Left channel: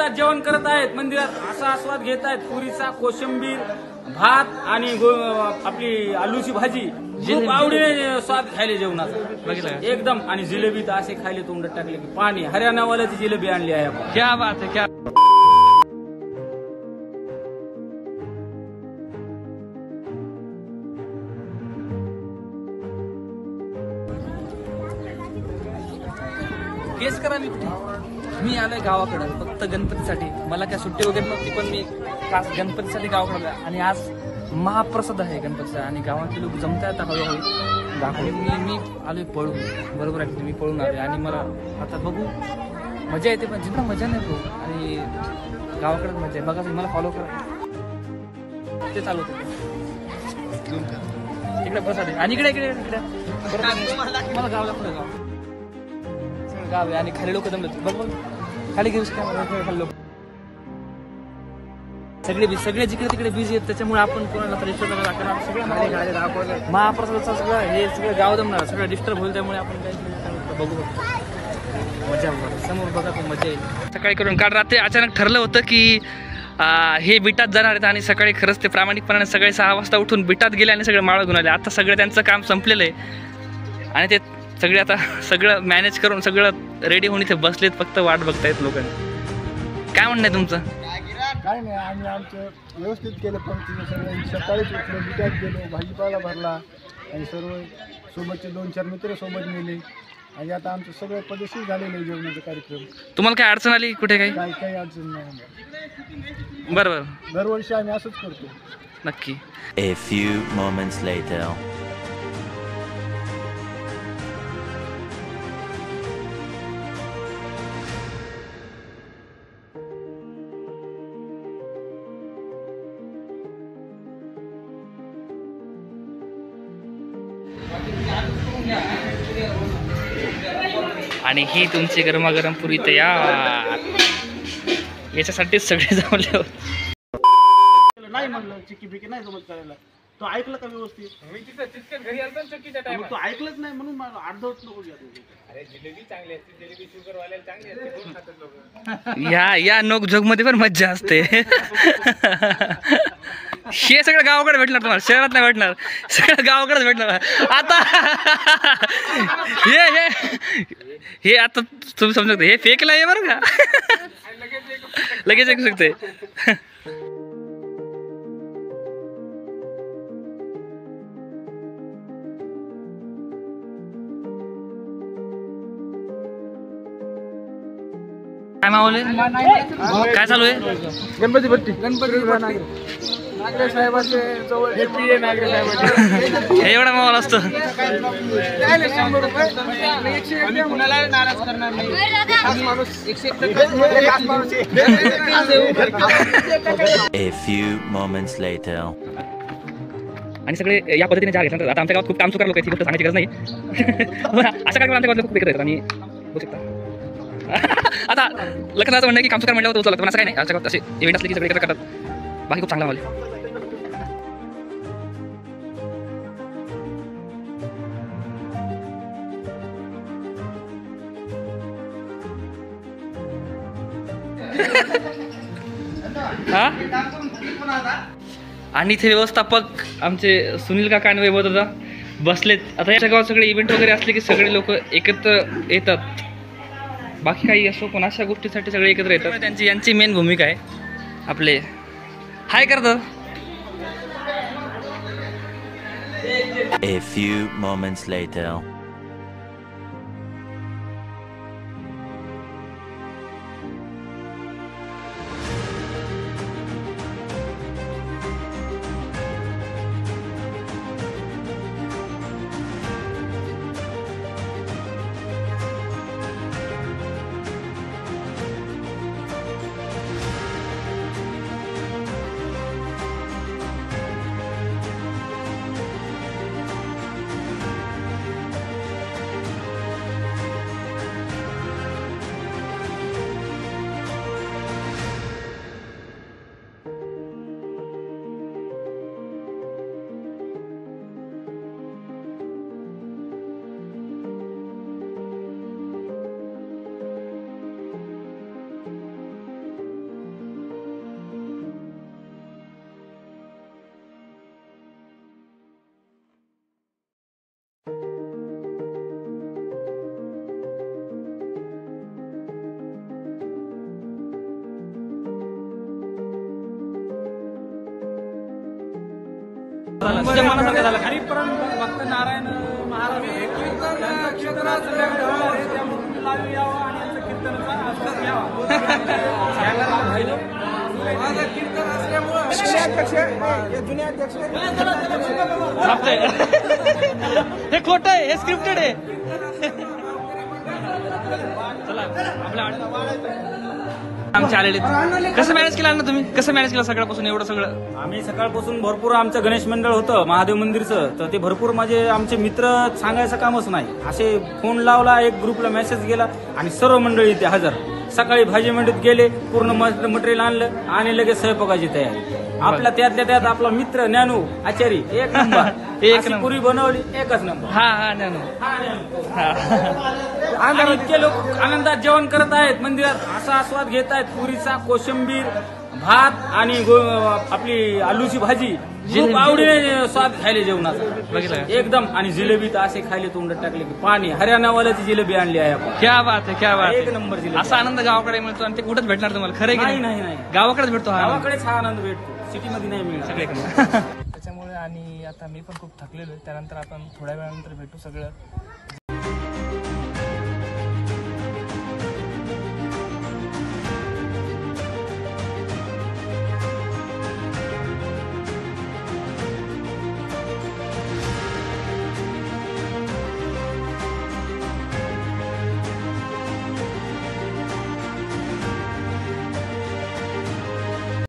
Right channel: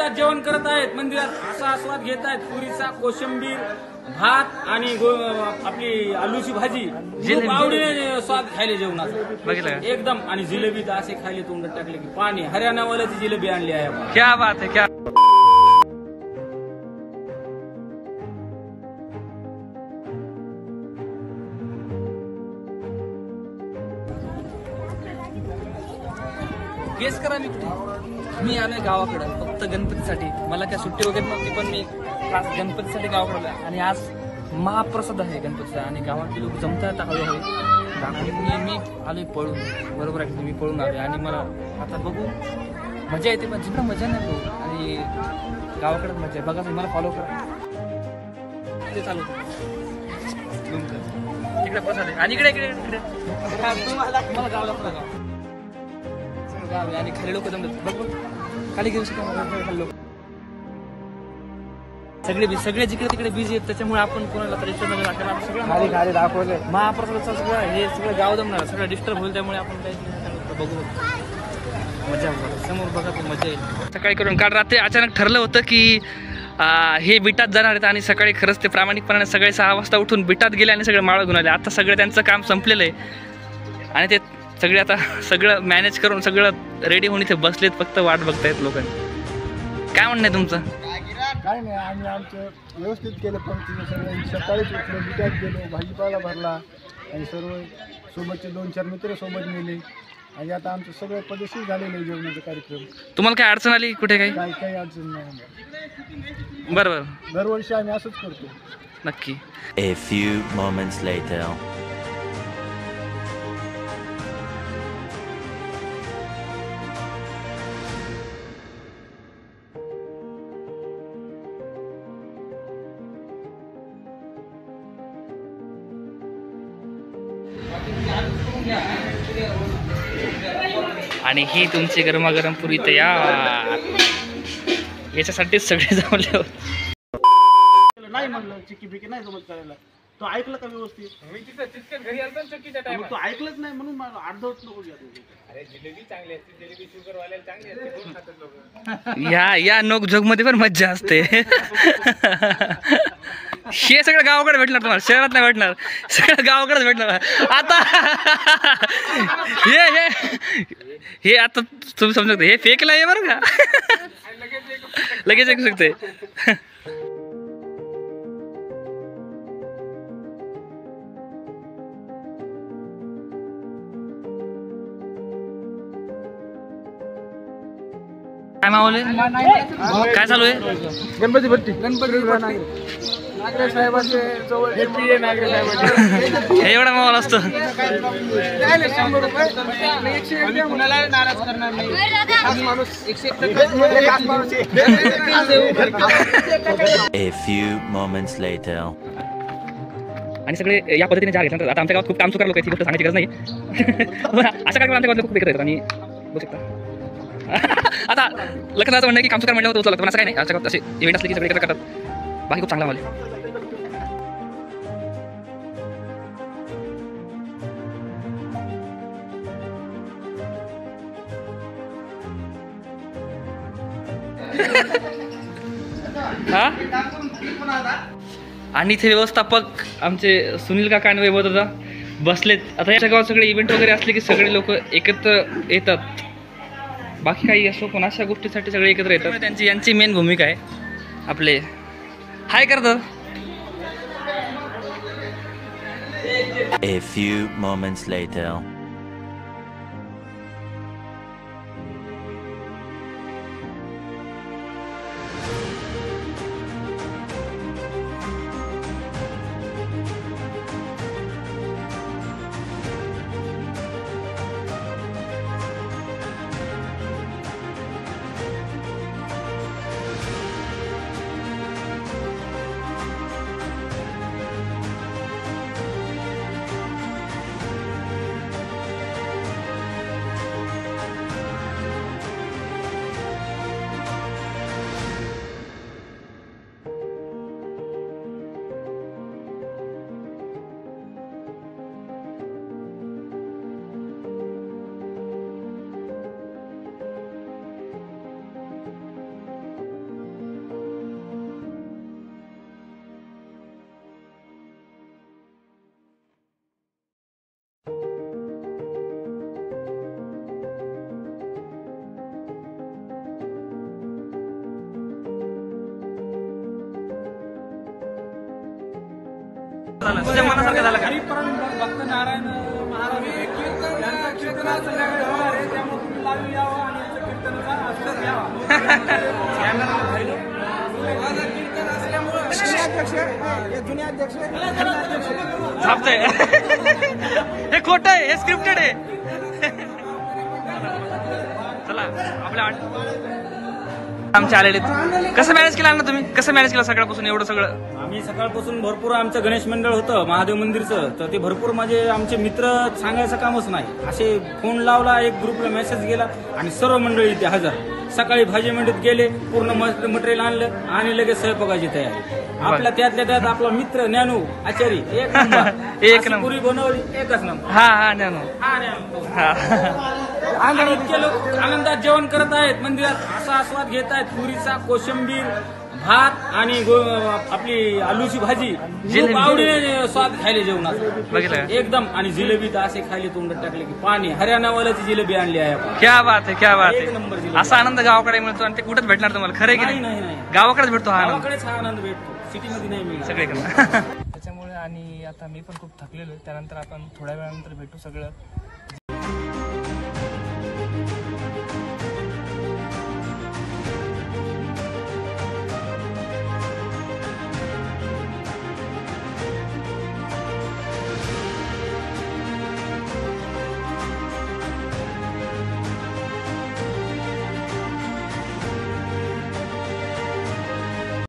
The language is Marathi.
आनंदात जेवण करत आहेत मंदिरात, असा आस्वाद घेत आहेत. पुरीचा कोशिंबीर भात आणि आपली आलूची भाजी खूप आवडीने स्वाद खायले जेवणाचा एकदम. आणि जिलेबी तर असे खायले तोंडात टाकले की पाणी. हरियाणावाल्याची जिलेबी आणली आहे आपण. क्या बात आहे, क्या गेस करा मी कुठे. मी आलोय गावाकडे फक्त गणपतीसाठी. मला काय सुट्टी वगैरे नव्हती, पण मी खास गणपतीसाठी गावाकडे आलोय. आणि आज महाप्रसाद आहे गणपतीचा आणि गावातले लोक जमतात हळूहळू. आणि मी आलोय पळून. बरोबर आहे, मी पळून आलोय आणि मला आता बघू मजा येते, पण जिंकणं मजा नाही भाऊ. आणि गावाकडेच मजा आहे. बघा तुम्ही मला फॉलो करा. ते चालू होतं इकडे बसवले आणि इकडे इकडे इकडे मला गाव दाखवलं. गाव आहे आणि खाली लोक जमले. बघ बघ खाली घेऊ शकता खाली लोक सगळे जिकडे तिकडे बिझी आहेत. त्याच्यामुळे आपण कोणाला डिस्टर्ब नाही करणार. सगळं महाप्रसादाचं सगळं हे सगळं गाव जमणार, सगळं डिस्टर्ब होईल. त्यामुळे आपण काही बघू मजा समोर बघा तो मजा येईल. सकाळी करून काल रात्री अचानक ठरलं होतं की हे बिटात जाणार आहेत आणि सकाळी खरंच ते प्रामाणिकपणाने सगळे 6 वाजता उठून बिटात गेले आणि सगळे माळं घेऊन आले. आता सगळं त्यांचं काम संपलेलं आहे आणि ते सगळे आता सगळं मॅनेज करून सगळं रेडी होऊन इथे बसलेत, फक्त वाट बघतायत लोकांनी. काय म्हणणं आहे तुमचं? काय नाही, आम्ही आमचं व्यवस्थित केलं. पण तिथे सगळं सकाळीच उठलो, बिटात गेलो, भाजीपाला भरला आणि सर्व सोबतचे 2-4 मित्र सोबत नेले आणि आता आमचं सगळं पद्धतशीर झालेलं आहे जेवणाचा कार्यक्रम. तुम्हाला काय अडचण आली कुठे? काही अडचण नाही. बरोबर, दरवर्षी आम्ही असंच करतो. नक्की. A few moments later. आणि ही तुमची गरमागरम पुरी तयार. याच्यासाठीच सगळे जमले होते. नाही म्हणलं चिक्की बिकी नाही जमत करायला. तो ऐकलं का व्यवस्थित? मी तिथं घरी आलो चक्कीच्या टाइम तो ऐकलंच नाही म्हणून मला अर्धवट नको घ्या. अरे जिलेबी चांगली असते, जिलेबी शुगर वाल्याला चांगली असते, दोन खातात लोक. या नोक झोक मध्ये पण मज्जा असते. हे सगळं गावाकडे भेटणार तुम्हाला, शहरात नाही भेटणार. सगळं गावाकडेच भेटणार. आता हे आता तुम्ही समजू शकता हे फेकला आहे बरं का. लगेच ऐकू शकते. काय मावले, काय चालू आहे? गणपती भट्टी, गणपती नागरे साहेबांचे जवळ नागरे साहेबांचे हे एवढा माहोल असतो. कुणाला नाराज करणार नाही. A few moments later. आणि सगळे या पद्धतीने जा घेतल्यानंतर आता आमच्या गावात खूप काम चुकार लोक आहेत, ही गोष्ट सांगायची गरज नाही. अशा कार्यक्रम आमच्या गावात खूप एकत्र येतात. आणि बघू शकता आता लग्नाचं म्हणणं की कामचुकार म्हणल्यावर तो लागतं, पण असं काही नाही. आमच्या गावात असे इव्हेंट असले की सगळे एकत्र करतात. बाकी खूप चांगला माहोल आहे. आणि इथे व्यवस्थापक आमचे सुनील काका आणि वैभव दादा बसलेत. आता याच्या गावात सगळे इव्हेंट वगैरे असले की सगळे लोक एकत्र येतात. बाकी काही असो पण अशा गोष्टीसाठी सगळे एकत्र येतात. यांची मेन भूमिका आहे. आपले हाय करतात. A few moments later. तुझ्या मनासारखं झालं का? हरिपरम भक्त नारायण महाराज यांचा कीर्तन आज संध्याकाळी होणार आहे, त्यामुळे तुम्ही लाईव्ह यावं आणि यांच्या कीर्तनाचा आस्वाद घ्यावा. थांबतंय. हे खोटं आहे, हे स्क्रिप्टेड आहे. चला आपल्या आमचे आलेले. कसं मॅनेज केलं ना तुम्ही? कसं मॅनेज केलं सकाळपासून एवढं सगळं? आम्ही सकाळपासून भरपूर आमचं गणेश मंडळ होतं महादेव मंदिरचं, तर ते भरपूर माझे आमचे मित्र सांगायचं कामच नाही. असे फोन लावला, एक ग्रुपला मेसेज गेला आणि सर्व मंडळी इथे हजर. सकाळी भाजी मंडईत गेले, पूर्ण मटेरियल आणलं आणि लगेच स्वयंपाकाची तयारी. आपला त्यातल्या त्यात आपला मित्र ज्ञानू आचारी एक नंबर. एक अशी नंबर. पुरी बनवली, एकच नंबर. हा ज्ञानू. आणि इतके लोक आनंदात जेवण करत आहेत मंदिरात, असा आस्वाद घेत आहेत. पुरीचा, कोशिंबीर, भात आणि आपली आलूची भाजी खूप आवडीने स्वाद खायले जेवणाचा बघितलं का? एकदम. आणि जिलेबी तर असे खायले तोंडात टाकले की पाणी. हरियाणावाल्याची जिलेबी आणली आहे आपण. क्या बात आहे, क्या बात एक आहे. नंबर जिलेबी. असा आनंद गावाकडे मिळतो आणि ते कुठेच भेटणार तुम्हाला. खरं आहे की नाही नाही? नाही नाही, गावाकडेच भेटतो हा आनंद. गावाकडेच हा आनंद भेटतो, सिटीमध्ये नाही मिळणार. सगळीकडे. त्याच्यामुळे आणि आता मी पण खूप थकलेलो आहे. त्यानंतर आपण थोड्या वेळानंतर भेटू सगळं